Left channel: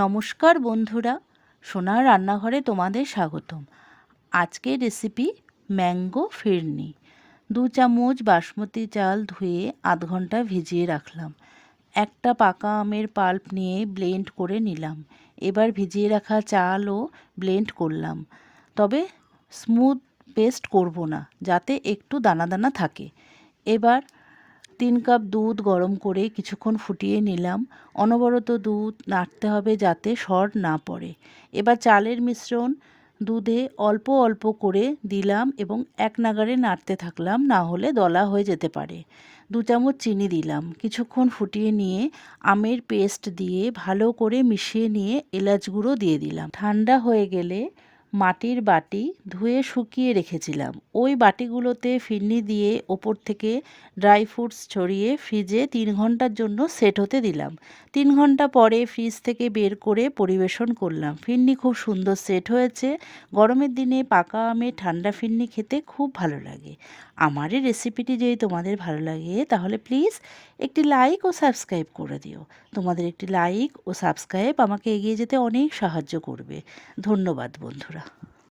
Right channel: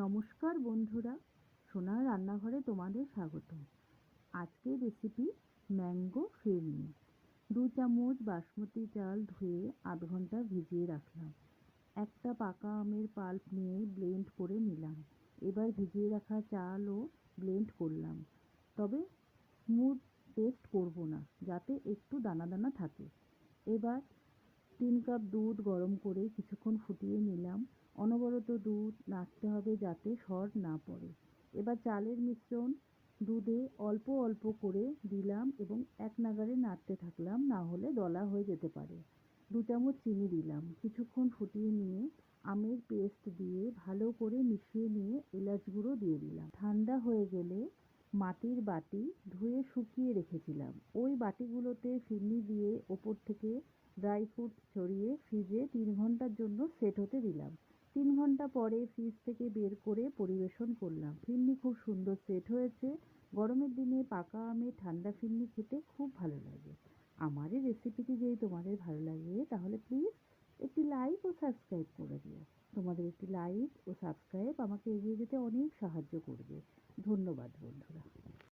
নমস্কার বন্ধুরা, সোনার রান্নাঘরে তোমাদের স্বাগতম। আজকের রেসিপি ম্যাঙ্গো ফিরনি। 2 চামচ বাসমতি চাল ধুয়ে আধ ঘন্টা ভিজিয়ে রাখলাম। একটা পাকা আমের পাল্প নিয়ে ব্লেন্ড করে নিলাম। এবার ভিজিয়ে রাখা চালও ব্লেন্ড করলাম, তবে স্মুথ পেস্ট করব না, যাতে একটু দানা দানা থাকে। এবার 3 কাপ দুধ গরম করে কিছুক্ষণ ফুটিয়ে নিলাম। অনবরত দুধ নাড়তে হবে যাতে সর না পড়ে। এবার চালের মিশ্রণ দুধে অল্প অল্প করে দিলাম এবং এক নাগাড়ে নাড়তে থাকলাম, না হলে দলা হয়ে যেতে পারে। 2 চামচ চিনি দিলাম। কিছুক্ষণ ফুটিয়ে নিয়ে আমের পেস্ট দিয়ে ভালো করে মিশিয়ে নিয়ে এলাচ গুঁড়ো দিয়ে দিলাম। ঠান্ডা হয়ে গেলে মাটির বাটি ধুয়ে শুকিয়ে রেখেছিলাম, ওই বাটিগুলোতে ফিরনি দিয়ে ওপর থেকে ড্রাই ফ্রুটস ছড়িয়ে ফ্রিজে 3 ঘন্টার জন্য সেট হতে দিলাম। 3 ঘন্টা পরে ফ্রিজ থেকে বের করে পরিবেশন করলাম। ফিরনি খুব সুন্দর সেট হয়েছে। গরমের দিনে পাকা আমের ঠান্ডা ফিরনি খেতে খুব ভালো লাগে। আমার এই রেসিপিটি যদি তোমাদের ভালো লাগে তাহলে প্লিজ একটি লাইক ও সাবস্ক্রাইব করে দিও। তোমাদের একটি লাইক ও সাবস্ক্রাইব আমাকে এগিয়ে যেতে অনেক সাহায্য করবে। ধন্যবাদ বন্ধুরা।